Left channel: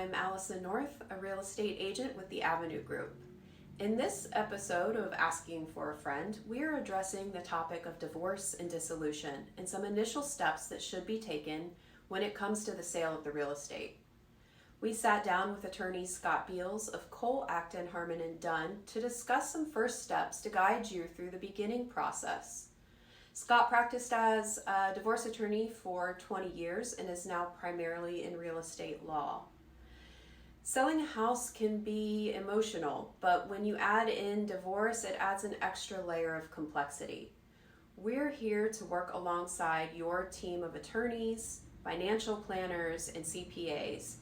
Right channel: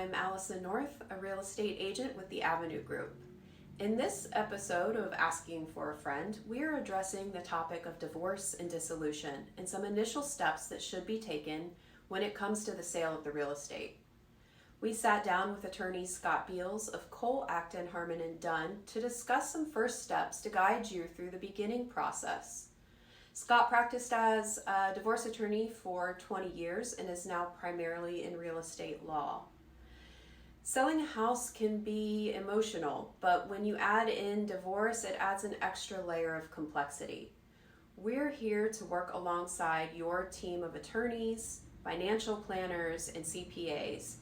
I'm Allison North, a real estate agent with the Avenue Group. In this episode of Asking for a Friend, we are addressing the topic of divorce and dissolution and some initial steps that should be taken when it comes to the sale of the real estate. We sat down with attorneys Scott Beals of Cole, Acton, Harmon, and Dunn to discuss some first steps to guide you through the beginning process. Scott practiced as a divorce attorney for 20 years and is now primarily in real estate law. Selling a house can be emotional, but when you add in divorce, it adds an extra layer of complexity. We're here to work alongside your team of attorneys, financial planners, and CPAs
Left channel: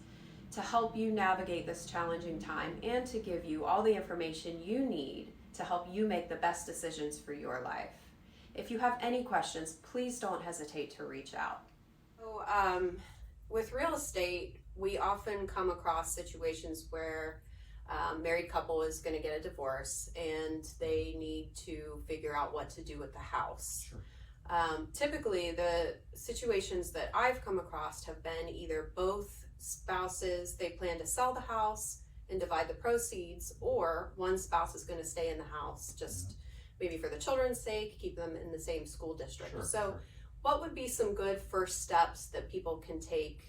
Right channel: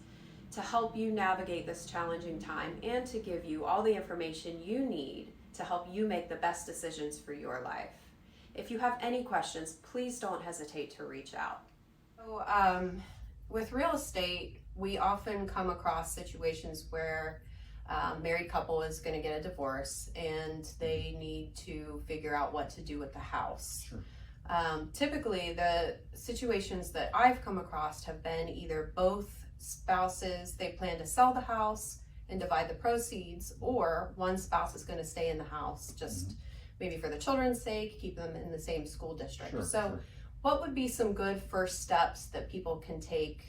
to help you navigate this challenging time and to give you all the information you need to help you make the best decisions for your life. If you have any questions, please don't hesitate to reach out. So, with real estate, we often come across situations where a married couple is going to get a divorce and they need to figure out what to do with the house. Sure. Typically, the situations that I've come across have been either both spouses, they plan to sell the house and divide the proceeds, or one spouse is going to stay in the house just maybe for the children's sake, keep them in the same school district. Sure, so sure. What would be some good first steps that people can take?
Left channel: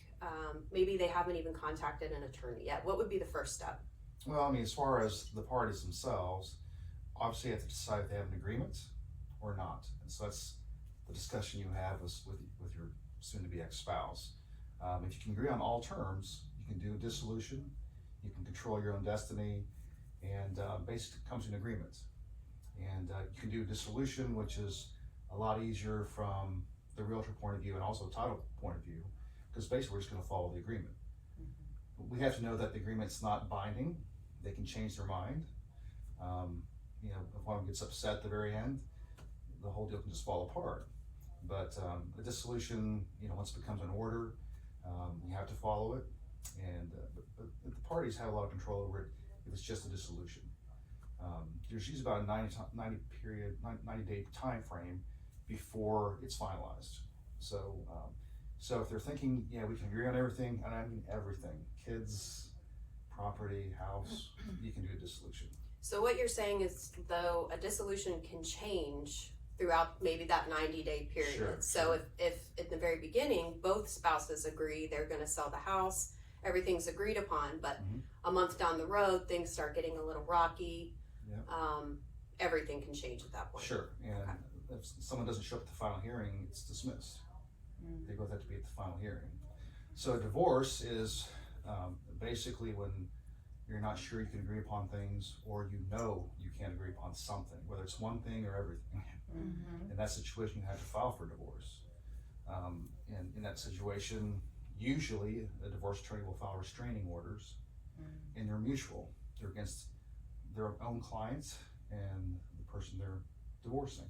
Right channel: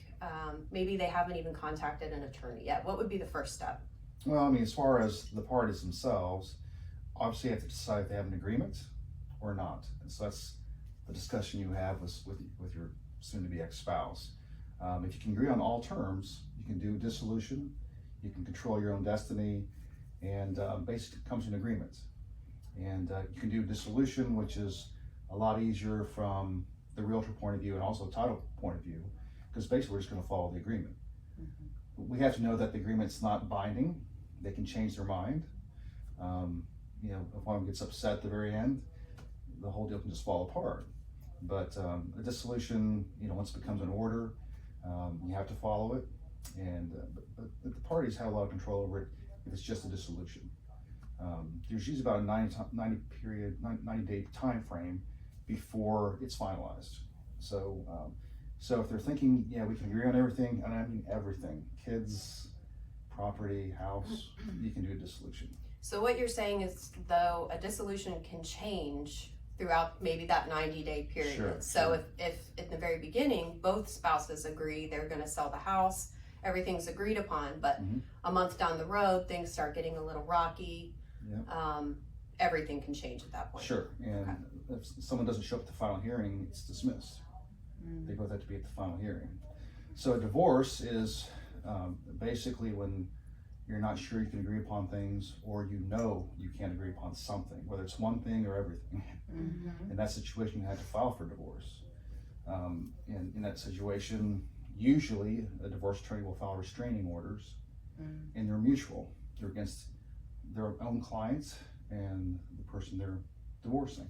Maybe they haven't even contacted an attorney yet. What would be the first step? Well, I mean, as far as the parties themselves, obviously you have to decide if they have an agreement or not. And so that's the discussion you have with your soon-to-be ex-spouse. If you can agree on all terms, you can do dissolution, you can control your own destiny, and basically it comes to an agreement. And you can do dissolution, which is a lot easier from the realtor point of view and also title point of view, because basically we're just going to follow the agreement. Mm-hmm. We have to know that the agreement's not binding. They can change their mind. If one gets upset at the very end, the whole deal can just fall apart. But a dissolution, once it becomes an order, you have to follow it. And but the parties have a lot of control over it if it's just a dissolution. There's usually about a 90-day time frame before it's finalized. So if they're thinking, yeah, we can agree on everything, and I mean everything, kids, property, house, you can do a dissolution. So what you're saying is, though, a dissolution can change throughout maybe that 90-day period. Sure, so sure. If in the very beginning, both spouses agree they're going to sell the house, everything's agreed upon, but a month down the road, things start getting a little rocky. Yeah. Everything can change at that point. Sure, and if someone doesn't show up at the final hearing, it's dismissed. They both have to be at the final hearing. So a divorce is basically when you're not sure you can agree upon things, or you can't agree upon something, whether it's one thing or everything. In that situation, you have to file for divorce. In that situation, usually a divorce attorney will file restraining orders, and they're mutual. They're against their own clients and the person they're divorcing.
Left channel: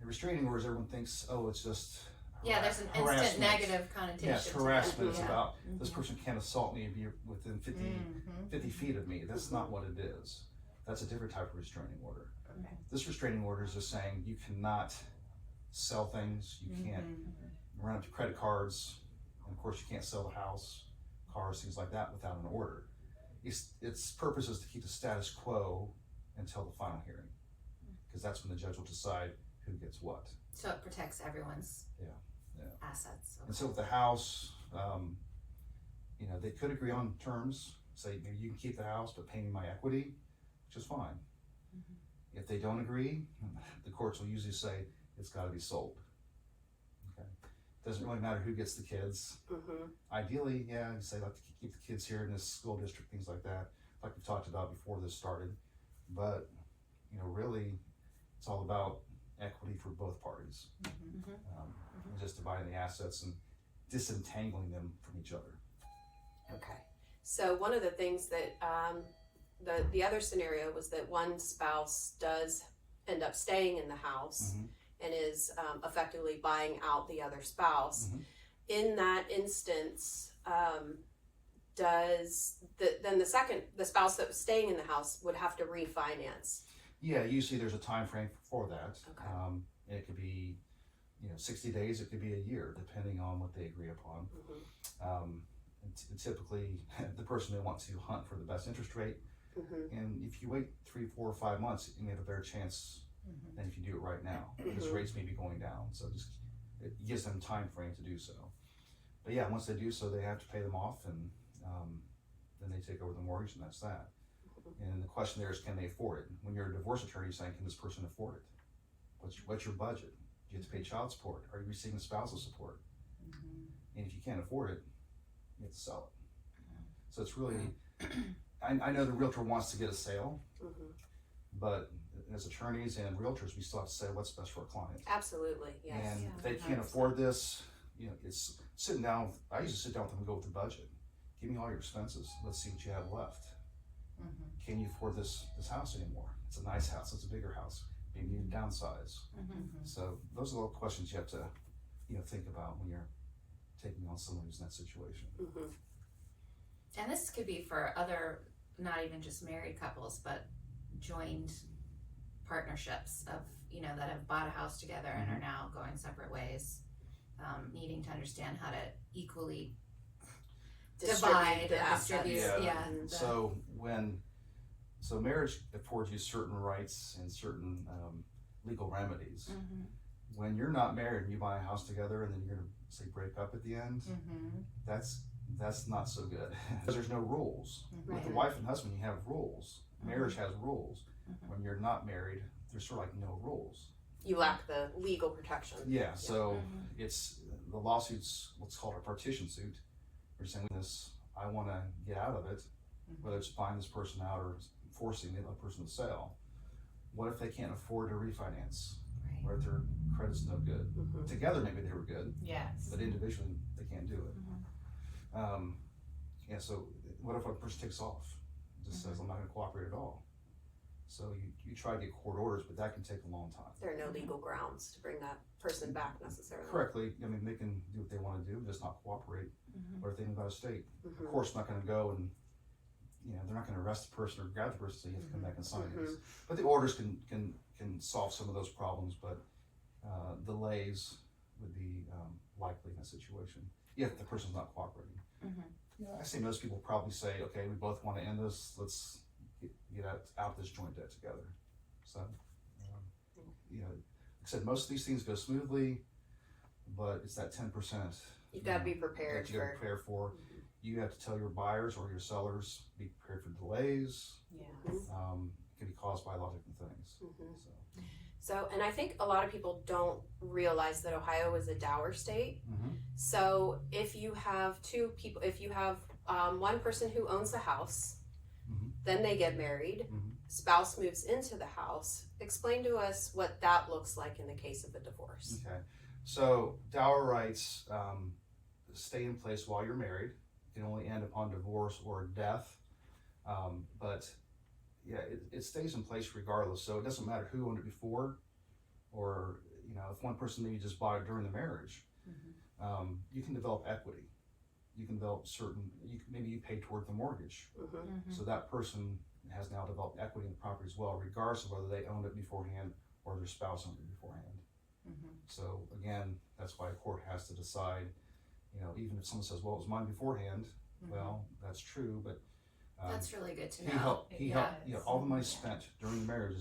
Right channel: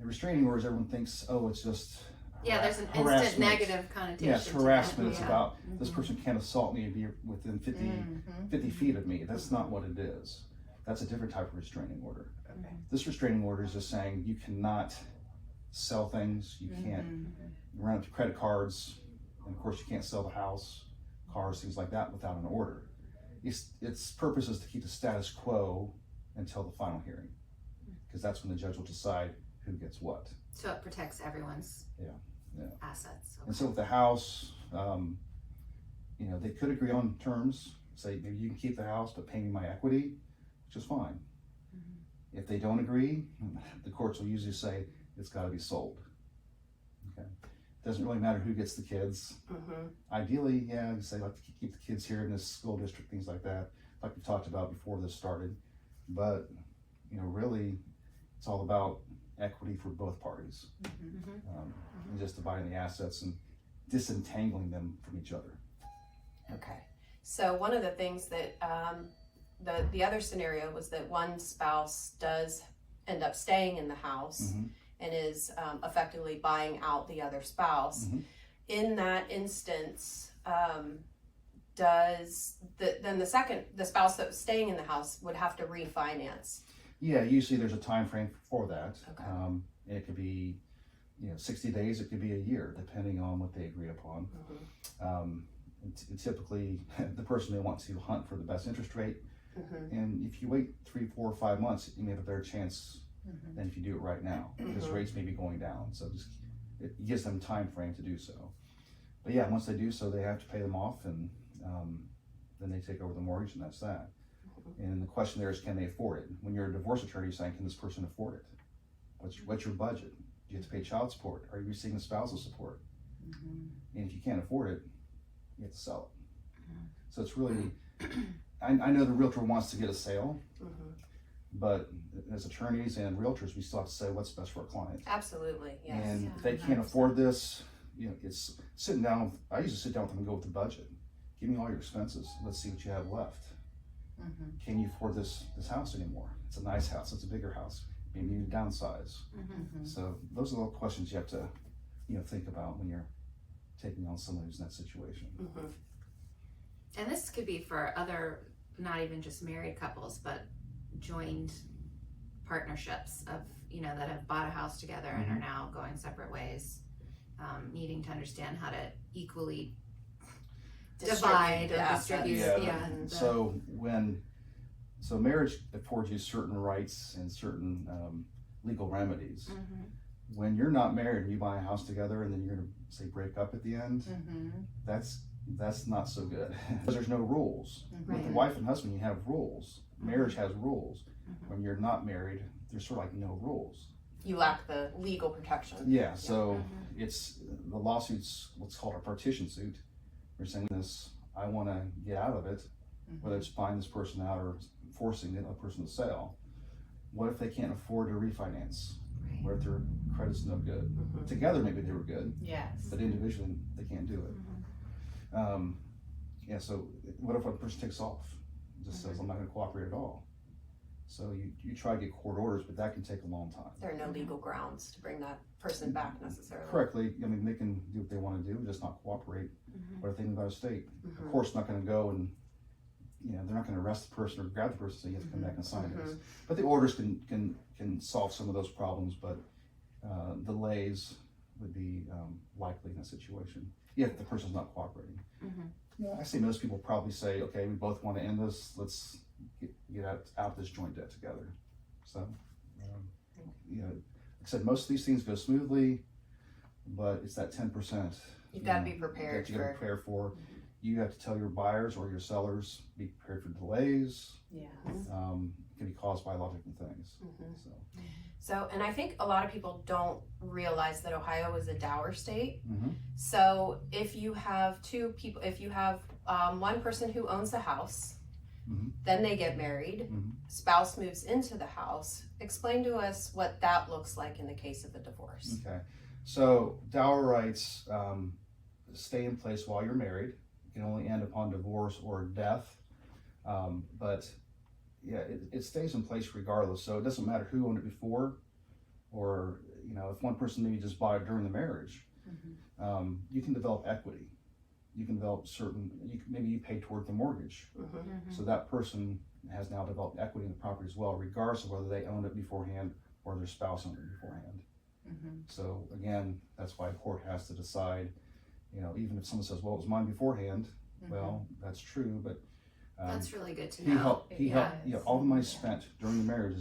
The restraining orders, everyone thinks, it's just there's an harassment. instant negative connotation. Yes, harassment. It's Yeah. about this person can't assault me and be within 50 feet of me. That's not what it is. That's a different type of restraining order. Okay. This restraining order is just saying you cannot sell things, you can't run up to credit cards, and of course you can't sell the house, cars, things like that without an order. Its purpose is to keep the status quo until the final hearing, because that's when the judge will decide who gets what. So it protects everyone's assets. Okay. And so with the house, they could agree on terms, say maybe you can keep the house but pay me my equity, which is fine. If they don't agree, the courts will usually say it's got to be sold. Okay, doesn't really matter who gets the kids. Ideally, you say like to keep the kids here in this school district, things like that, like we talked about before this started. But really, it's all about equity for both parties, and just dividing the assets and disentangling them from each other. Okay. So one of the things that the other scenario was that one spouse does end up staying in the house and is effectively buying out the other spouse. In that instance, does the spouse that was staying in the house would have to refinance? Yeah, usually there's a time frame for that. Okay. And it could be 60 days, it could be a year, depending on what they agree upon. And typically, the person may want to hunt for the best interest rate. Mm-hmm. And if you wait 3, 4, or 5 months, you may have a better chance than if you do it right now, because rates may be going down. So it gives them time frame to do so. But yeah, once they do so, they have to pay them off, and then they take over the mortgage, and that's that. And then the question there is, can they afford it? When you're a divorce attorney, you're saying, can this person afford it? What's your budget? Do you have to pay child support? Are you receiving spousal support? And if you can't afford it, you have to sell it. So it's really, I know the realtor wants to get a sale, but as attorneys and realtors, we still have to say what's best for our client. Absolutely, yes. And if they can't afford this, it's sitting down. I usually sit down with them and go with the budget. Give me all your expenses. Let's see what you have left. Can you afford this house anymore? It's a nice house. It's a bigger house. Maybe you need to downsize. So those are the questions you have to, think about when you're taking on someone who's in that situation. And this could be for other, not even just married couples, but joined partnerships of, that have bought a house together and are now going separate ways, needing to understand how to equally divide or distribute. So marriage affords you certain rights and certain legal remedies. When you're not married and you buy a house together and then you're going to say break up at the end, that's not so good, because there's no rules. With the wife and husband, you have rules. Marriage has rules. When you're not married, there's sort of like no rules. You lack the legal protection. Yeah, so it's the lawsuit's what's called a partition suit. You're saying this, I want to get out of it, whether it's buying this person out or forcing the other person to sell. What if they can't afford to refinance? What if their credit's no good? Together, maybe they were good. Yes. But individually, they can't do it. So what if a person takes off? Just says, I'm not going to cooperate at all. So you try to get court orders, but that can take a long time. There are no legal grounds to bring that person back necessarily. Correctly, they can do what they want to do, just not cooperate. What if they move out of state? Of course, not going to go and, they're not going to arrest the person or grab the person, so you have to come back and sign this. But the orders can solve some of those problems, but delays would be likely in that situation if the person's not cooperating. I say most people probably say, okay, we both want to end this, let's get out this joint debt together. So, like I said, most of these things go smoothly, but it's that 10%. You've got to be prepared that you got to prepare for. You have to tell your buyers or your sellers, be prepared for delays. It can be caused by a lot of different things. So, and I think a lot of people don't realize that Ohio is a dower state. So if you have two people, if you have one person who owns the house, then they get married, spouse moves into the house. Explain to us what that looks like in the case of a divorce. Okay, so dower rights stay in place while you're married. It can only end upon divorce or death, but it stays in place regardless. So it doesn't matter who owned it before, or if one person maybe just bought it during the marriage. You can develop equity. You can develop maybe you pay toward the mortgage. So that person has now developed equity in the property as well, regardless of whether they owned it beforehand or their spouse owned it beforehand. So again, that's why a court has to decide, even if someone says, well, it was mine beforehand, well, that's true, but that's really good to know. He helped, all the money spent during the marriage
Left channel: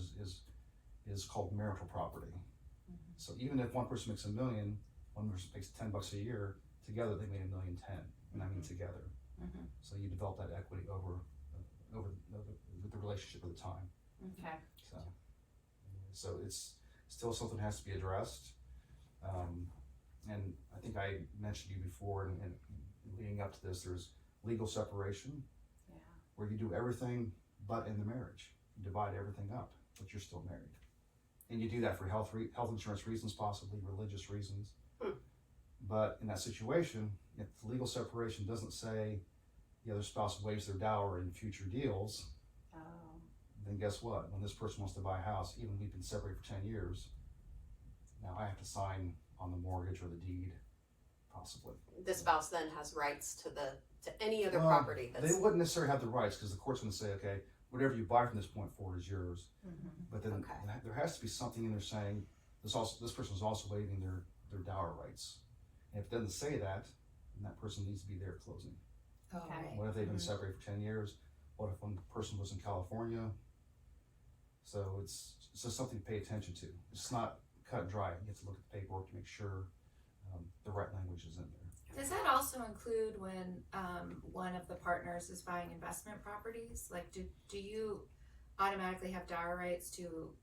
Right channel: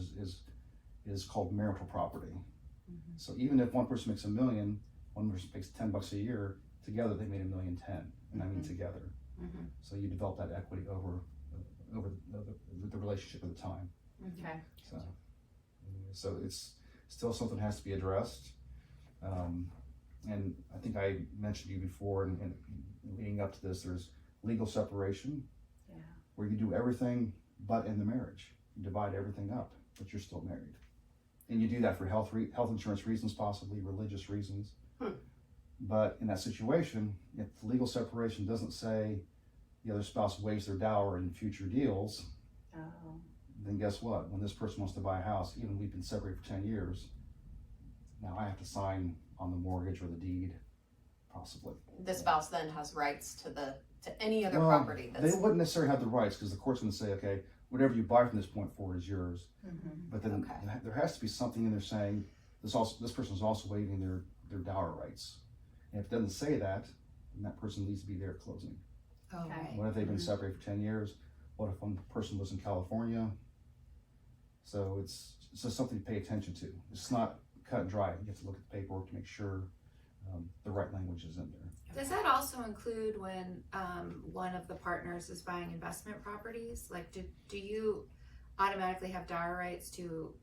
is called marital property. So even if one person makes $1 million, one person makes $10 a year, together they made $1.1 million, and I mean together. So you develop that equity over the relationship at the time. So it's still something that has to be addressed. And I think I mentioned to you before, and leading up to this, there's legal separation, where you do everything but in the marriage. You divide everything up, but you're still married. And you do that for health insurance reasons, possibly religious reasons. But in that situation, if the legal separation doesn't say the other spouse waives their dower in future deals, then guess what? When this person wants to buy a house, even we've been separated for 10 years, now I have to sign on the mortgage or the deed, possibly. The spouse then has rights to any other property. They wouldn't necessarily have the rights, because the court's going to say, okay, whatever you buy from this point forward is yours. But then there has to be something in there saying this person is also waiving their dower rights. And if it doesn't say that, then that person needs to be there at closing. Oh, Okay. right. What if they've been Mhm. separated for 10 years? What if one person was in California? So it's just something to pay attention to. It's not cut and dry. You have to look at the paperwork to make sure the right language is in there. Does that also include when one of the partners is buying investment properties? Like, do you automatically have dower rights to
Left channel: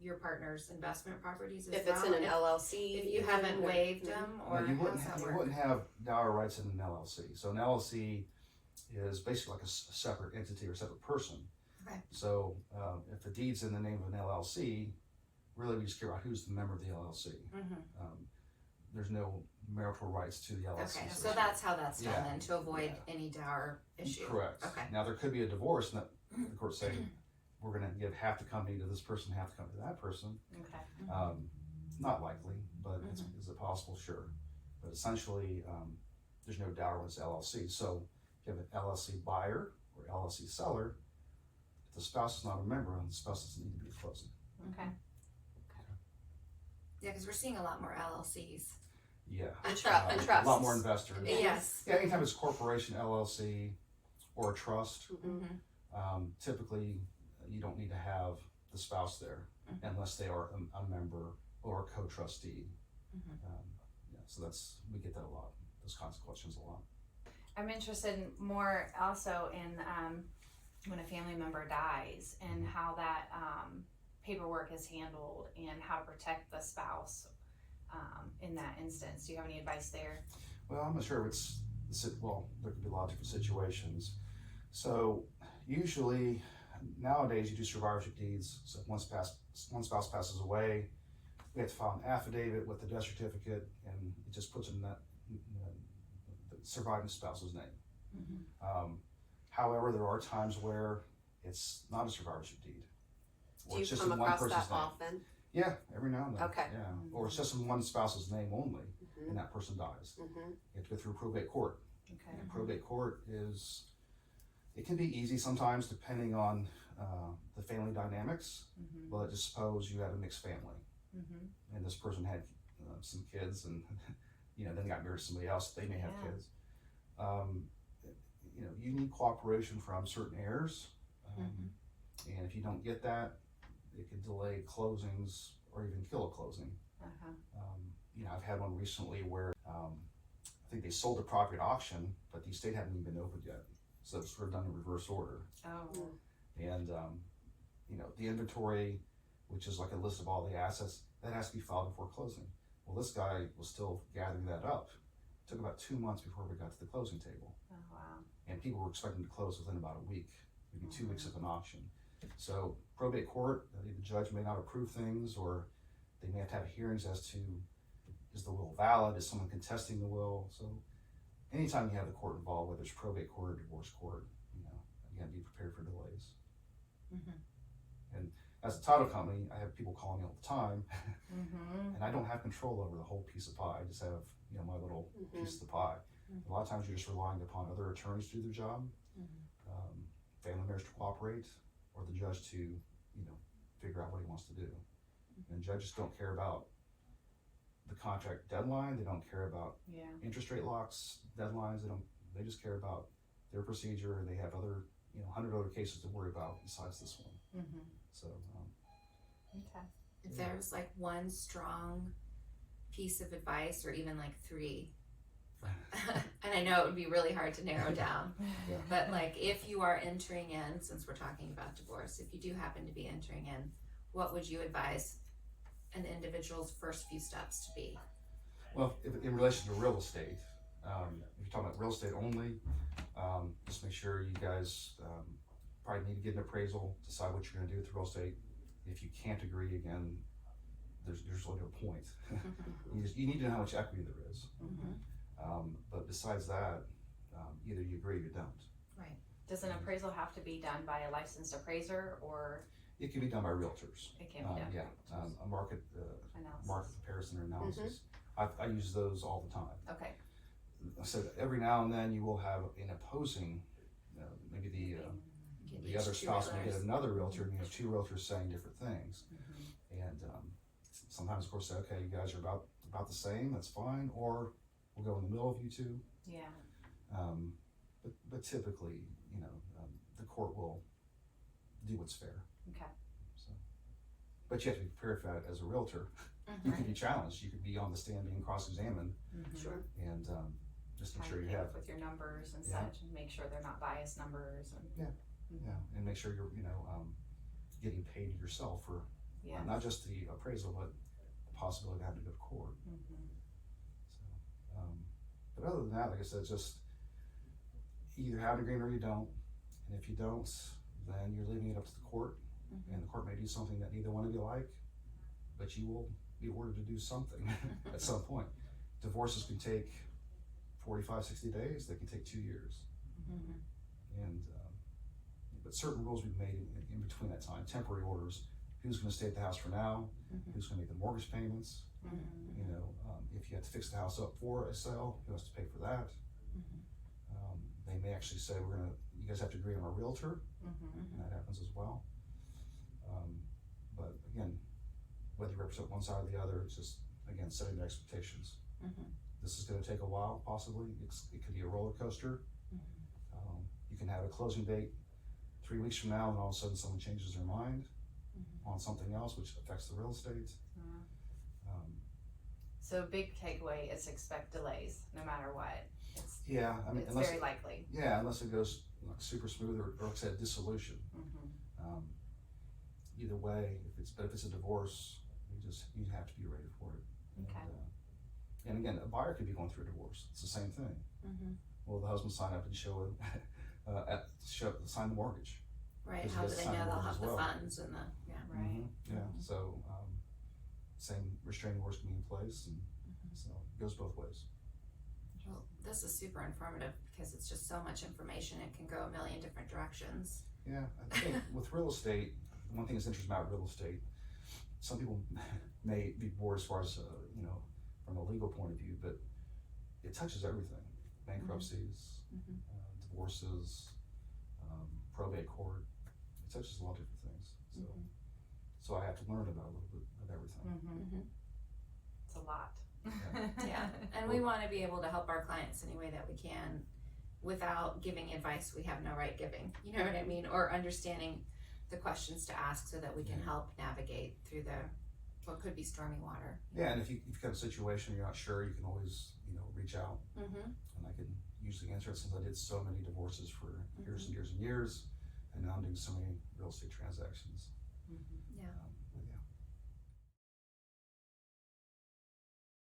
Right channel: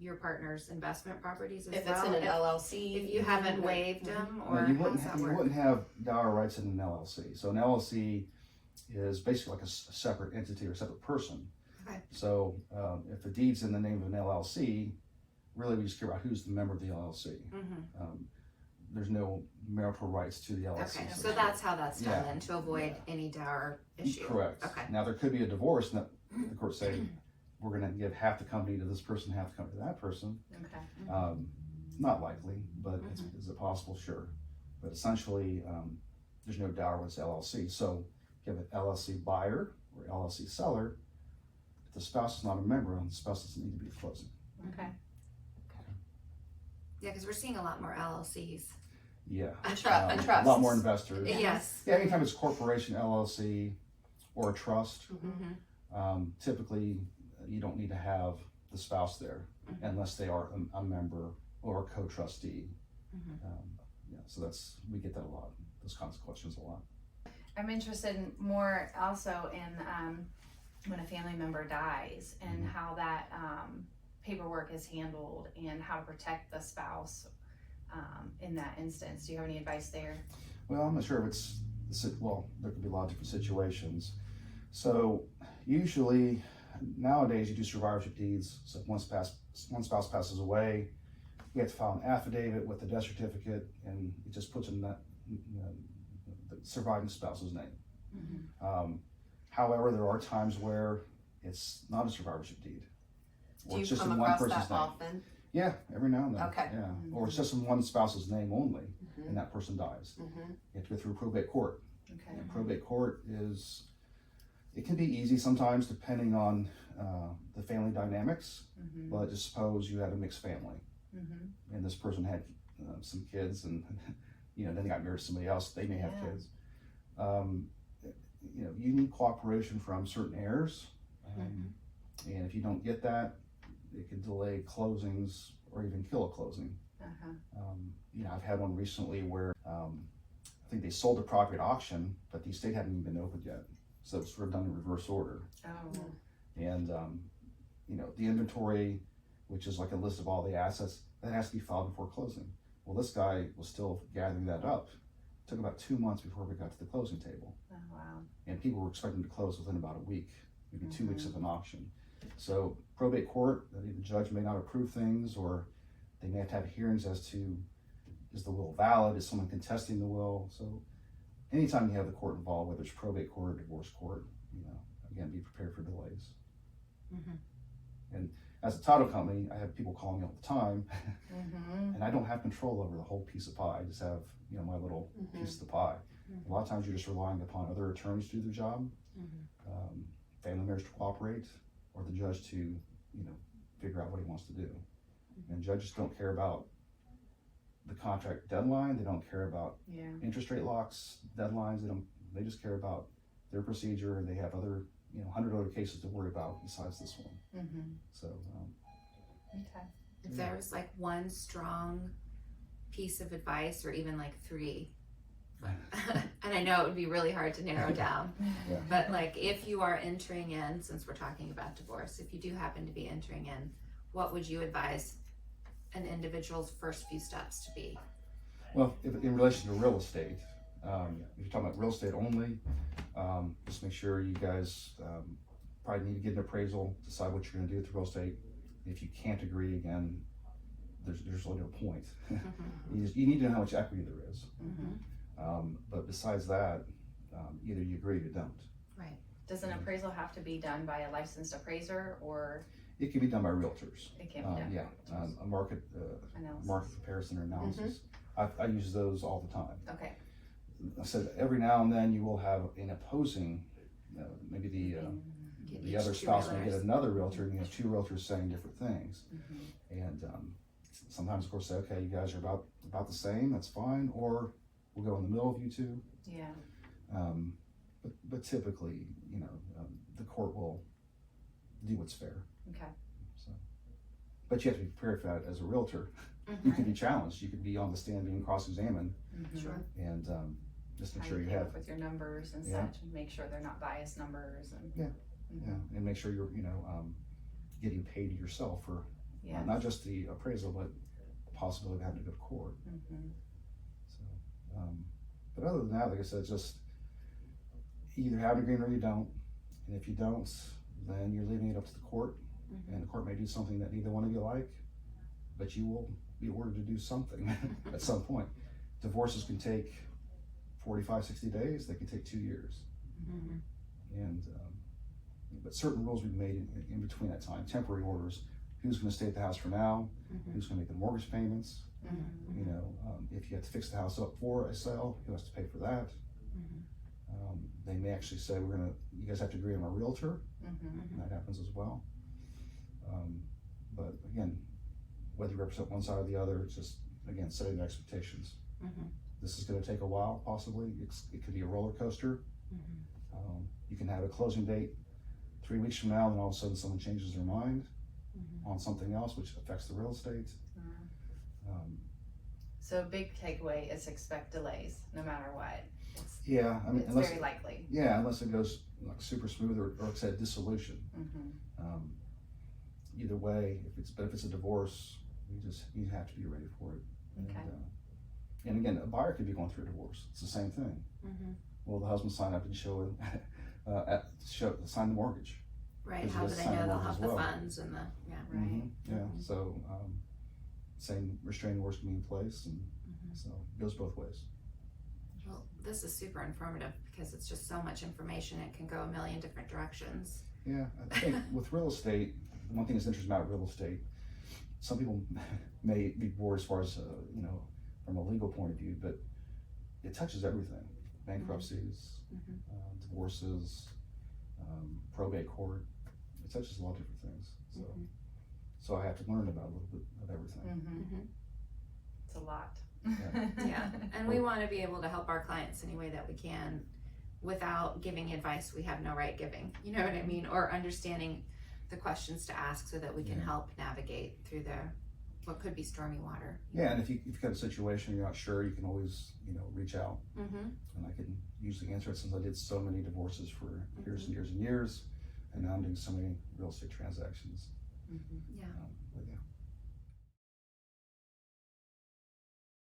your partner's investment properties as If well? it's in an LLC. If you haven't waived them, or you how wouldn't, does that you work? wouldn't have dower rights in an LLC. So an LLC is basically like a separate entity or a separate person. Okay. So if the deed's in the name of an LLC, really we just care about who's the member of the LLC. Mm-hmm. There's no marital rights to the LLC. Okay, so that's how that's done Yeah. then, to avoid any dower issue. Correct. Okay. Now there could be a divorce, and the court say we're going to give half the company to this person, half the company to that person. Okay. Not likely, but is it possible? Sure. But essentially, there's no dower with this LLC. So if you have an LLC buyer or LLC seller, if the spouse is not a member, the spouse doesn't need to be at closing. Okay. Yeah, because we're seeing a lot more LLCs. Yeah. And A trusts. lot more investors. Yes. Yeah, anytime it's a corporation, LLC, or a trust, Mm-hmm. typically you don't need to have the spouse there unless they are a member or a co-trustee. Mhm. Yeah, so we get that a lot, those kinds of questions a lot. I'm interested more also in when a family member dies and how that paperwork is handled and how to protect the spouse in that instance. Do you have any advice there? Well, I'm not sure if it's, well, there could be a lot of different situations. So usually nowadays you do survivorship deeds. So if one spouse passes away, we have to file an affidavit with the death certificate, and it just puts in that, the surviving spouse's name. Mm-hmm. However, there are times where it's not a survivorship deed. Do Or you it's just come in one across person's that name. often? Yeah, every now and then. Okay. Yeah. Or it's just in one spouse's name only, Mm-hmm. and that person dies. Mm-hmm. You have to go through probate court. Okay. And probate court it can be easy sometimes depending on the family dynamics, but just suppose you had a mixed family and this person had some kids, and then they got married to somebody else, they may have Yeah. kids. You need cooperation from certain heirs, and if you don't get that, it could delay closings or even kill a closing. I've had one recently where I think they sold the property at auction, but the estate hadn't even been opened yet. So it was sort of done in reverse order. Oh. And, the inventory, which is like a list of all the assets, that has to be filed before closing. Well, this guy was still gathering that up. It took about 2 months before we got to the closing table. Oh, wow. And people were expecting to close within about a week, maybe 2 weeks of an auction. So probate court, the judge may not approve things, or they may have to have hearings as to, is the will valid? Is someone contesting the will? So anytime you have the court involved, whether it's probate court or divorce court, again, be prepared for delays. Mm-hmm. And as a title company, I have people calling me all the time, Mm-hmm. and I don't have control over the whole piece of pie. I just have, my little piece of the pie. A lot of times you're just relying upon other attorneys to do their job, family members to cooperate, or the judge to, figure out what he wants to do. And judges don't care about the contract deadline. They don't care about Yeah. interest rate locks, deadlines. They just care about their procedure, and they have other, 100 other cases to worry about besides this one. Mm-hmm. So, Okay. If there was like one strong piece of advice, or even like three, and I know it would be really hard to narrow down, Yeah. but like if you are entering in, since we're talking about divorce, if you do happen to be entering in, what would you advise an individual's first few steps to be? well, in relation to real estate, if you're talking about real estate only, just make sure you guys probably need to get an appraisal, decide what you're going to do with real estate. If you can't agree, again, there's really no point. You need to know how much equity there is. But besides that, either you agree or you don't. Right. Does an appraisal have to be done by a licensed appraiser, or It can be done by realtors. it can be done Yeah, by a market analysis? comparison or analysis. I use those all the time. Okay. I said every now and then you will have an opposing, maybe the Each other two spouse may get realtors. another realtor, and you have two realtors saying different things. Mm-hmm. And sometimes, of course, say, okay, you guys are about the same, that's fine, or we'll go in the middle of you two. Yeah. but typically, the court will do what's fair. Okay. So, but you have to be prepared for that as a realtor. You could be challenged. You could be on the stand being cross-examined, Sure. and just make How sure you came have up with your numbers and Yeah. such, and make sure they're not biased numbers and and make sure you're getting paid yourself for not just the appraisal, but the possibility of having to go to court. So, but other than that, like I said, just either have an agreement or you don't. And if you don't, then you're leaving it up to the court, and the court may do something that neither one of you like, but you will be ordered to do something at some point. Divorces can take 45, 60 days. They can take 2 years. And but certain rules we've made in between that time. Temporary orders: who's going to stay at the house for now, who's going to make the mortgage payments. If you have to fix the house up for a sale, who has to pay for that? They may actually say, you guys have to agree on a realtor, and that happens as well. But again, whether you represent one side or the other, it's just, again, setting the expectations. This is going to take a while, possibly. It could be a roller coaster. You can have a closing date 3 weeks from now, and all of a sudden someone changes their mind on something else, which affects the real estate. So big takeaway is expect delays no matter what. It's It's very likely. Yeah, unless it goes like super smooth or like I said, dissolution. Either way, if it's a divorce, you have to be ready for it. Okay. And again, a buyer could be going through a divorce. It's the same thing. Well, the husband signed up and sign the mortgage. Right, Because how he do has they to sign know the they'll mortgage have as the well. funds and the, Right. Yeah. So same restraining orders can be in place, and so it goes both ways. Well, this is super informative because it's just so much information. It can go a million different directions. Yeah, I think with real estate, one thing that's interesting about real estate, some people may be bored as far as from a legal point of view, but it touches everything: bankruptcies, divorces, probate court. It touches a lot of different things. So I have to learn about a little bit of everything. It's a lot. Yeah, and we want to be able to help our clients any way that we can without giving advice we have no right giving, you know what I mean, or understanding the questions to ask so that we can help navigate through what could be stormy water. Yeah, and if you've got a situation you're not sure, you can always reach out, and I can usually answer it, since I did so many divorces for years and years and years, and now I'm doing so many real estate transactions. Yeah,